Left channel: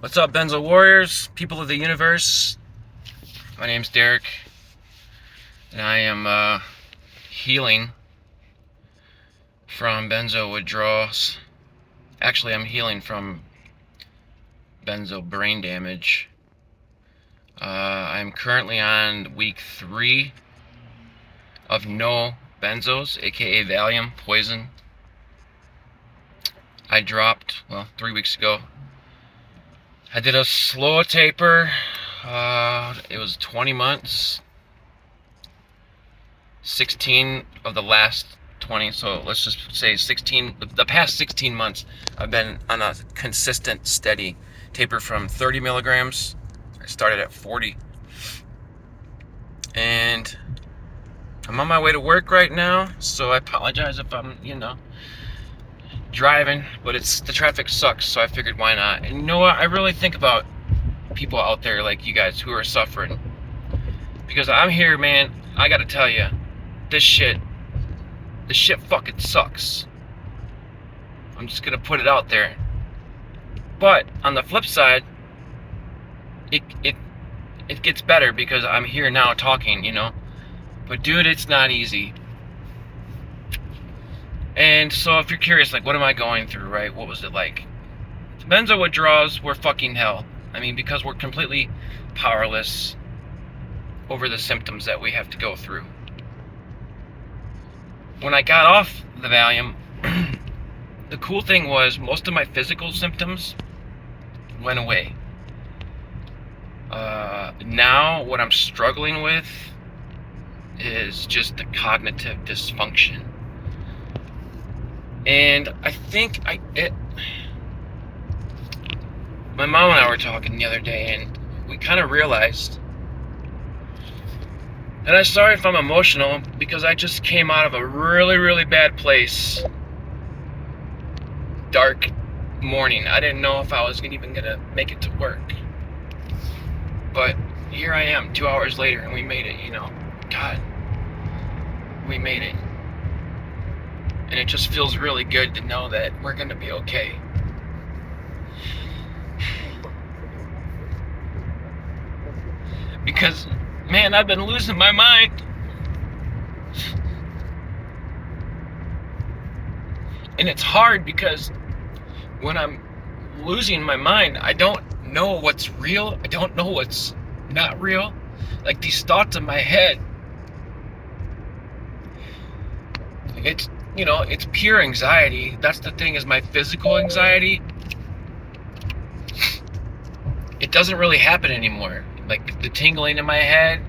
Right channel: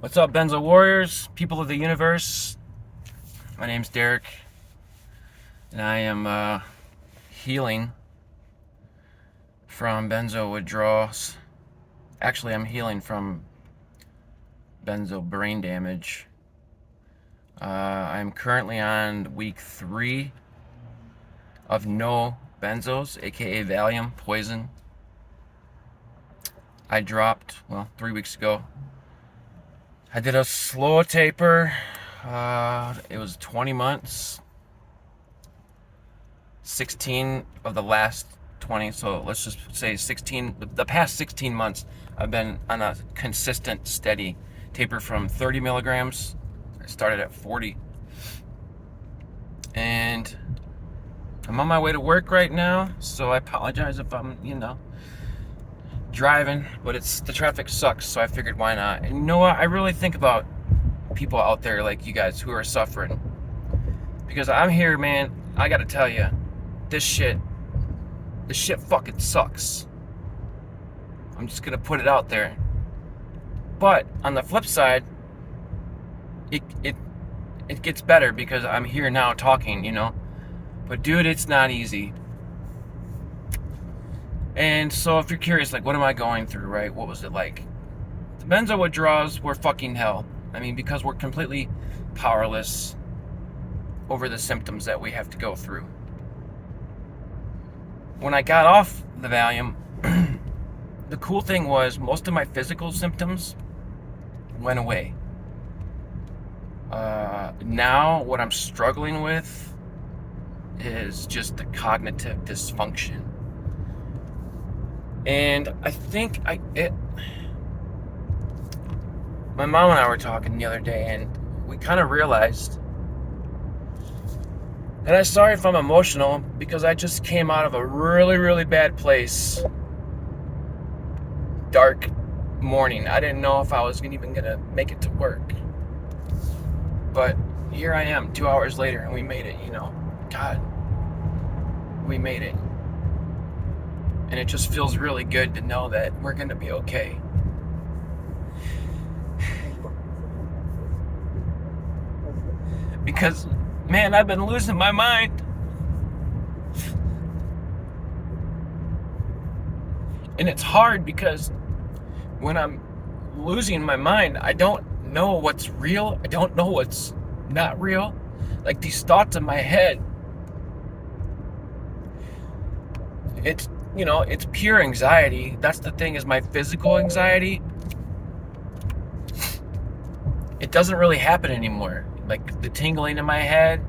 What's up, Benzo Warriors, people of the universe? My name's Derek, and I am healing from benzo withdrawals. Actually, I'm healing from benzo brain damage. I'm currently on week 3 of no benzos, aka Valium, poison. I dropped, 3 weeks ago. I did a slow taper. It was 20 months. 16 of the last 20, so let's just say 16, the past 16 months, I've been on a consistent, steady taper from 30 milligrams. I started at 40. And I'm on my way to work right now, so I apologize if I'm, driving, but the traffic sucks, so I figured why not. And you know what? I really think about people out there like you guys who are suffering. Because I'm here, man, I gotta tell you, this shit fucking sucks. I'm just gonna put it out there. But on the flip side, it gets better because I'm here now talking, But dude, it's not easy. And so if you're curious, like, what am I going through, right? What was it like? The benzo withdrawals were fucking hell. I mean, because we're completely powerless over the symptoms that we have to go through. When I got off the Valium, the cool thing was most of my physical symptoms went away. Now what I'm struggling with is just the cognitive dysfunction. And I think my mom and I were talking the other day, and we kind of realized, and I'm sorry if I'm emotional because I just came out of a really, really bad place. Dark morning. I didn't know if I was even gonna make it to work. But here I am 2 hours later, and we made it, God, we made it. And it just feels really good to know that we're gonna be okay. Because, man, I've been losing my mind. And it's hard because when I'm losing my mind, I don't know what's real. I don't know what's not real. Like, these thoughts in my head, it's pure anxiety. That's the thing, is my physical anxiety, it doesn't really happen anymore. Like the tingling in my head,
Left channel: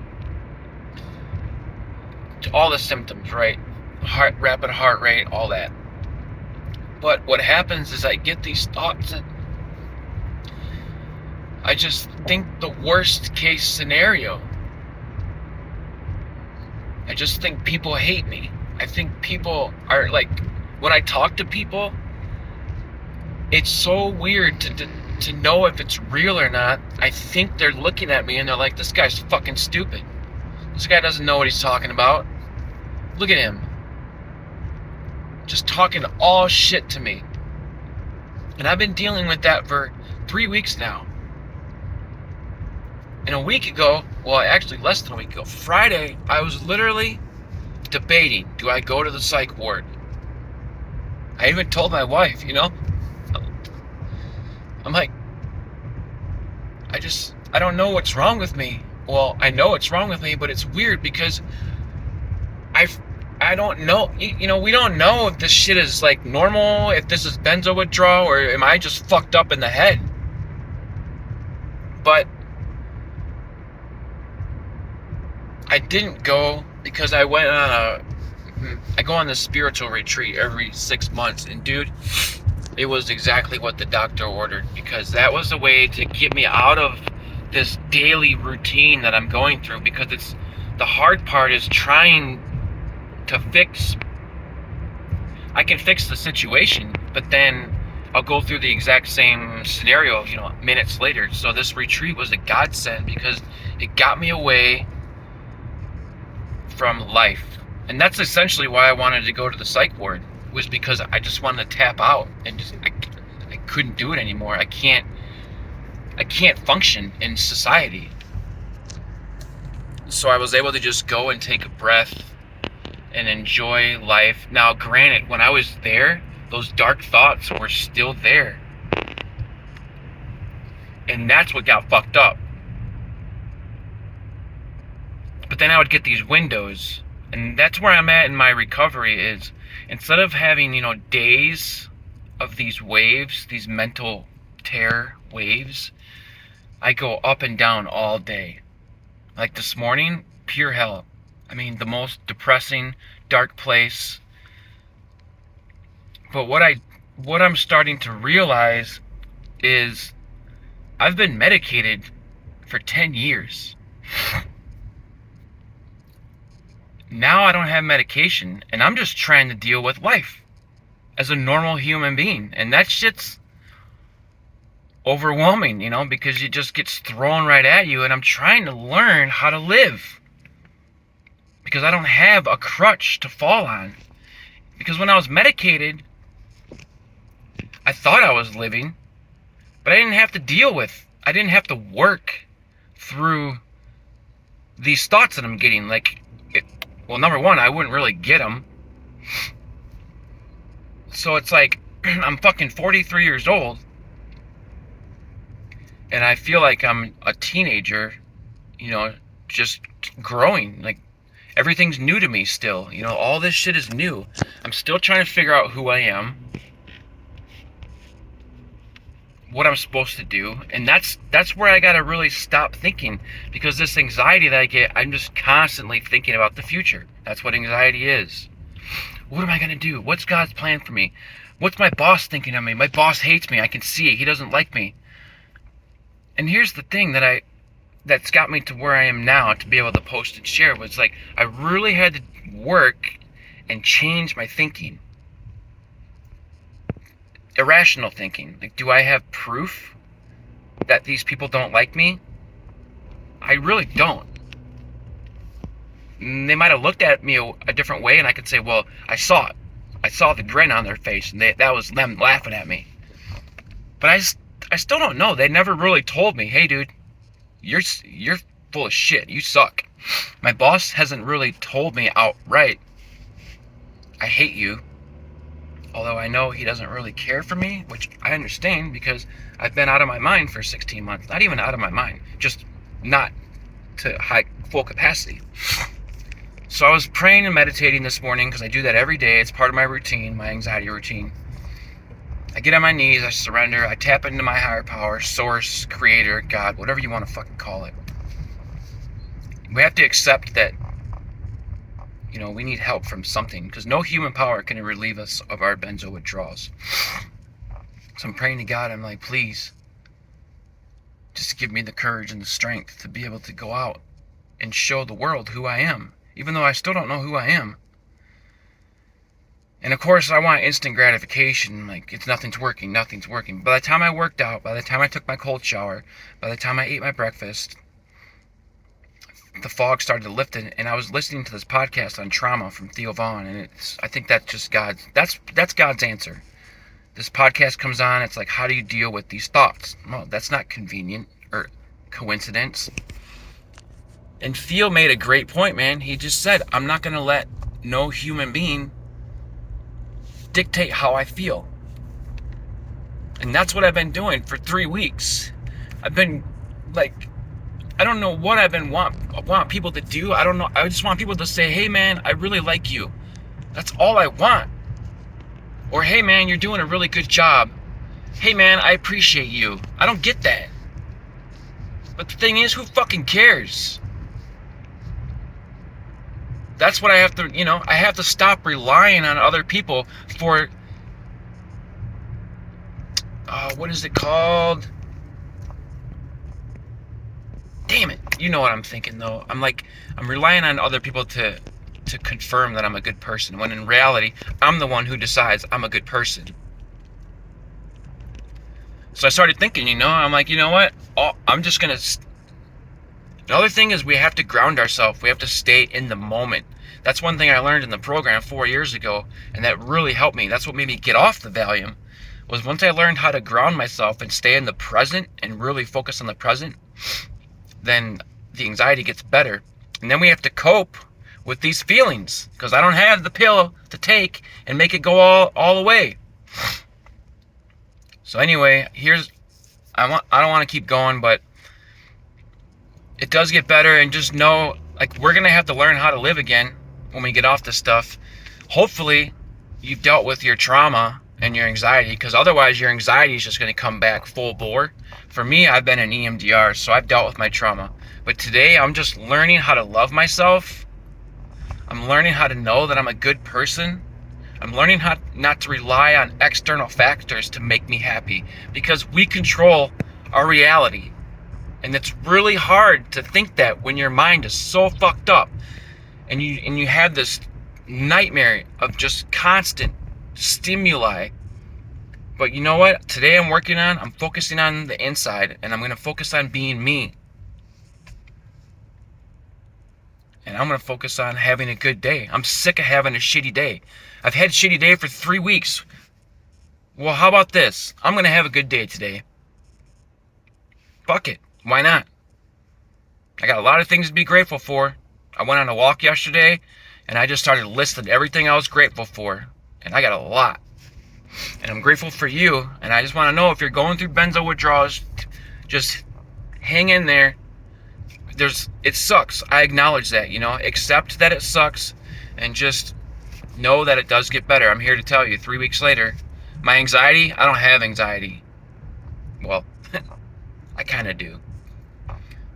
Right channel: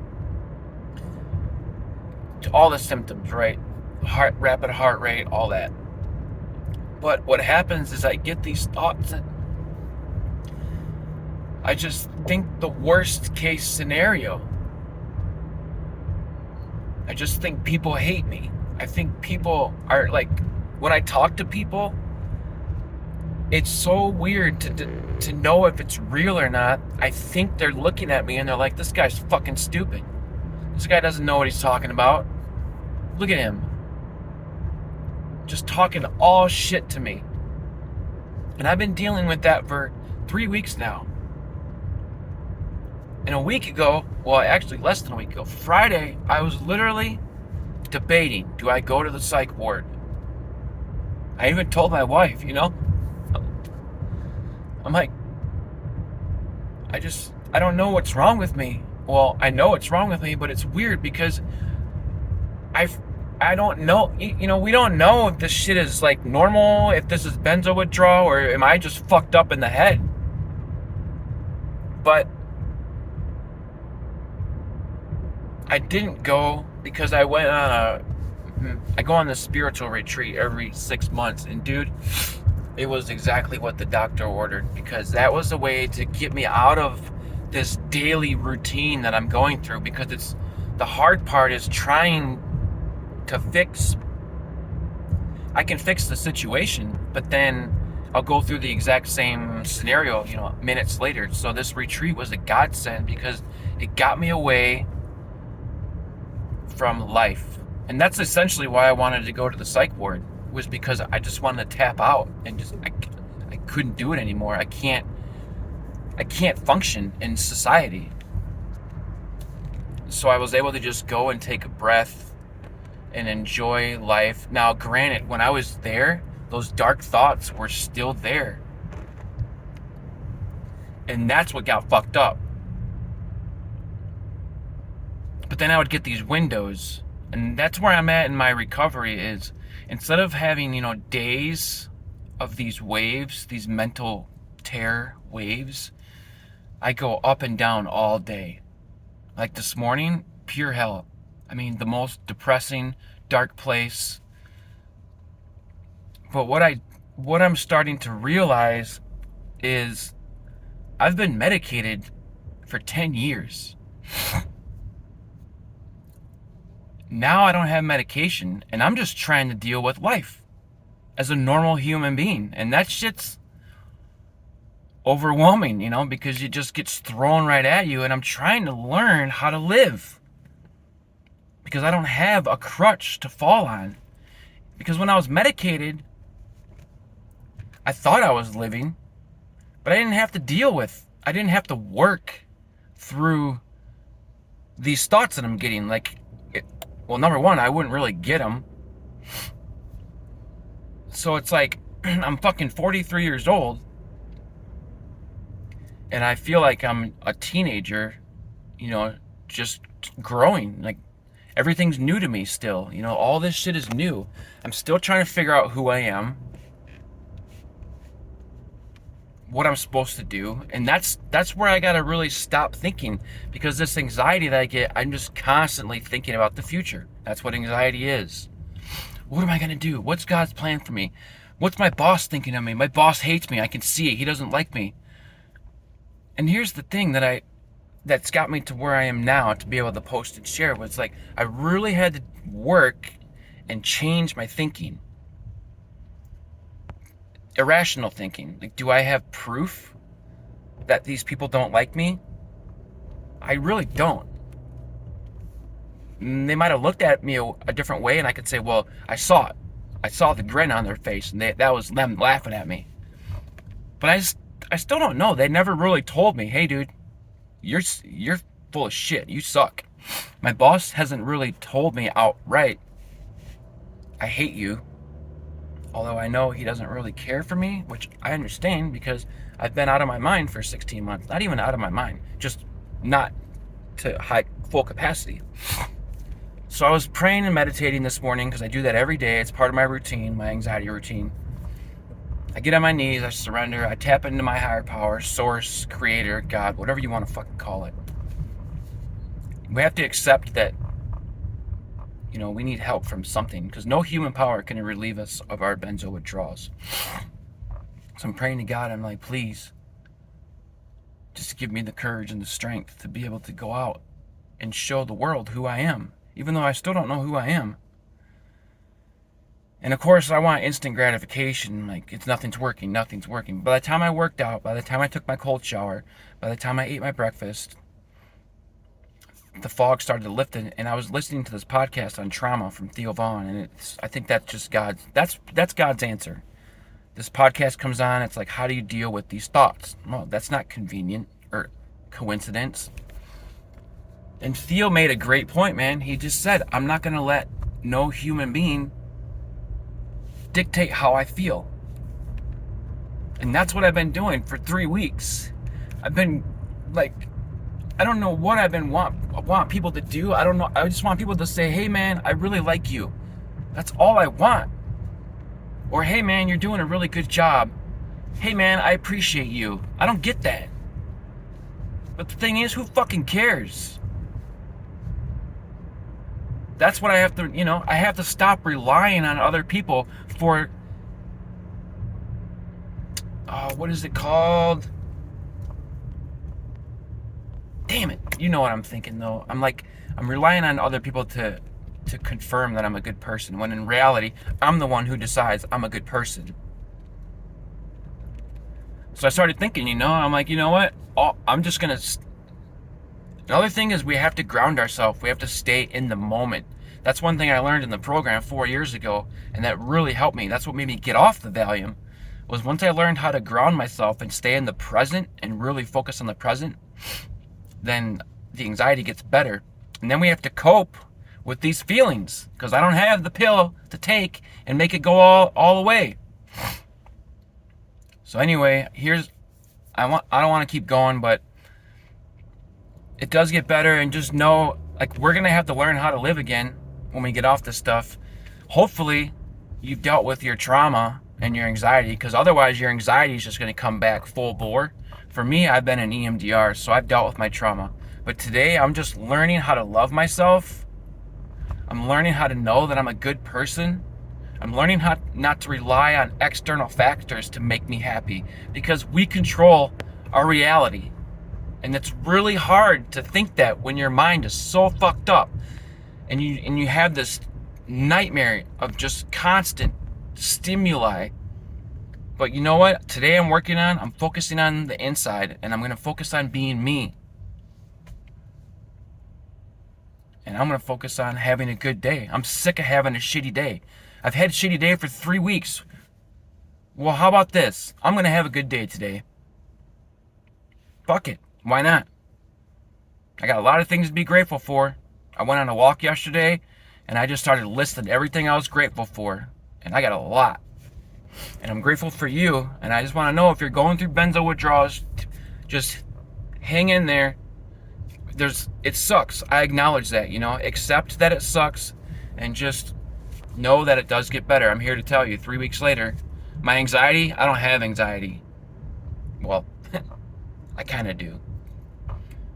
all the symptoms, right? Rapid heart rate, all that. But what happens is I get these thoughts and I just think the worst case scenario. I just think people hate me. I think people are like, when I talk to people, it's so weird to know if it's real or not. I think they're looking at me and they're like, this guy's fucking stupid. This guy doesn't know what he's talking about. Look at him. Just talking all shit to me. And I've been dealing with that for 3 weeks now. And a week ago, actually less than a week ago, Friday, I was literally debating, do I go to the psych ward? I even told my wife, I'm like, I don't know what's wrong with me. Well, I know what's wrong with me, but it's weird because I don't know, we don't know if this shit is like normal, if this is benzo withdrawal, or am I just fucked up in the head? But I didn't go because I go on this spiritual retreat every 6 months, and dude, it was exactly what the doctor ordered, because that was the way to get me out of this daily routine that I'm going through. Because the hard part is trying to I can fix the situation, but then I'll go through the exact same scenario, minutes later. So this retreat was a godsend because it got me away from life. And that's essentially why I wanted to go to the psych ward, was because I just wanted to tap out and I couldn't do it anymore. I can't I can't function in society. So I was able to just go and take a breath and enjoy life. Now, granted, when I was there, those dark thoughts were still there. And that's what got fucked up. But then I would get these windows, and that's where I'm at in my recovery. Is instead of having, days of these waves, these mental terror waves, I go up and down all day. Like this morning, pure hell. I mean, the most depressing, dark place. But what I'm starting to realize is I've been medicated for 10 years. Now I don't have medication, and I'm just trying to deal with life as a normal human being. And that shit's overwhelming, because it just gets thrown right at you, and I'm trying to learn how to live. Because I don't have a crutch to fall on. Because when I was medicated, I thought I was living, but I didn't have to work through these thoughts that I'm getting. Well, number one, I wouldn't really get them. So it's like, I'm fucking 43 years old, and I feel like I'm a teenager, just growing. Like, everything's new to me still. All this shit is new. I'm still trying to figure out who I am, what I'm supposed to do, and that's where I gotta really stop thinking, because this anxiety that I get, I'm just constantly thinking about the future. That's what anxiety is. What am I gonna do? What's God's plan for me? What's my boss thinking of me? My boss hates me. I can see it. He doesn't like me. And here's the thing that's got me to where I am now, to be able to post and share, was like, I really had to work and change my thinking. Irrational thinking. Like, do I have proof that these people don't like me? I really don't. They might have looked at me a different way, and I could say, well, I saw it. I saw the grin on their face, and that was them laughing at me. But I still don't know. They never really told me, hey, dude, you're full of shit. You suck. My boss hasn't really told me outright, I hate you. Although I know he doesn't really care for me, which I understand, because I've been out of my mind for 16 months. Not even out of my mind, just not to full capacity. So I was praying and meditating this morning, because I do that every day. It's part of my routine, my anxiety routine. I get on my knees, I surrender, I tap into my higher power, source, creator, God, whatever you want to fucking call it. We have to accept that, we need help from something, because no human power can relieve us of our benzo withdrawals. So I'm praying to God. I'm like, please, just give me the courage and the strength to be able to go out and show the world who I am, even though I still don't know who I am. And of course, I want instant gratification. Like, nothing's working. By the time I worked out, by the time I took my cold shower, by the time I ate my breakfast, the fog started to lift, and I was listening to this podcast on trauma from Theo Vaughn, and I think that's just that's God's answer. This podcast comes on, it's like, how do you deal with these thoughts? Well, that's not convenient or coincidence. And Theo made a great point, man. He just said, I'm not going to let no human being dictate how I feel. And that's what I've been doing for 3 weeks. I've been like, I don't know what want people to do. I don't know. I just want people to say, hey man, I really like you. That's all I want. Or, hey man, you're doing a really good job. Hey man, I appreciate you. I don't get that. But the thing is, who fucking cares? That's what I have to, I have to stop relying on other people for, what is it called? Damn it. You know what I'm thinking, though. I'm relying on other people to confirm that I'm a good person, when in reality, I'm the one who decides I'm a good person. So I started thinking, I'm like, you know what? I'm just going to... Another thing is, we have to ground ourselves. We have to stay in the moment. That's one thing I learned in the program 4 years ago, and that really helped me. That's what made me get off the Valium. was once I learned how to ground myself and stay in the present and really focus on the present, then the anxiety gets better. And then we have to cope with these feelings because I don't have the pill to take and make it go all away. So anyway, I don't want to keep going, but it does get better. And just know, like, we're gonna have to learn how to live again when we get off this stuff. Hopefully you've dealt with your trauma and your anxiety, because otherwise your anxiety is just going to come back full bore. For me, I've been in EMDR, so I've dealt with my trauma. But today I'm just learning how to love myself. I'm learning how to know that I'm a good person. I'm learning how not to rely on external factors to make me happy, because we control our reality. And it's really hard to think that when your mind is so fucked up and you have this nightmare of just constant stimuli. But you know what? Today I'm focusing on the inside, and I'm going to focus on being me. And I'm going to focus on having a good day. I'm sick of having a shitty day. I've had a shitty day for 3 weeks. Well, how about this? I'm going to have a good day today. Fuck it. Why not? I got a lot of things to be grateful for. I went on a walk yesterday, and I just started listing everything I was grateful for. And I got a lot. And I'm grateful for you. And I just want to know, if you're going through benzo withdrawals, just hang in there. It sucks. I acknowledge that, accept that it sucks, and just know that it does get better. I'm here to tell you, 3 weeks later, my anxiety, I don't have anxiety. Well, I kind of do.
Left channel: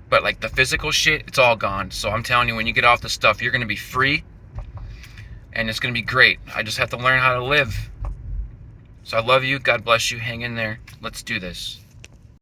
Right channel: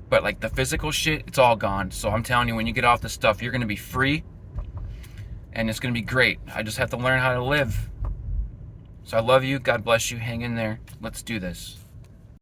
But like the physical shit, it's all gone. So I'm telling you, when you get off this stuff, you're going to be free. And it's going to be great. I just have to learn how to live. So I love you. God bless you. Hang in there. Let's do this.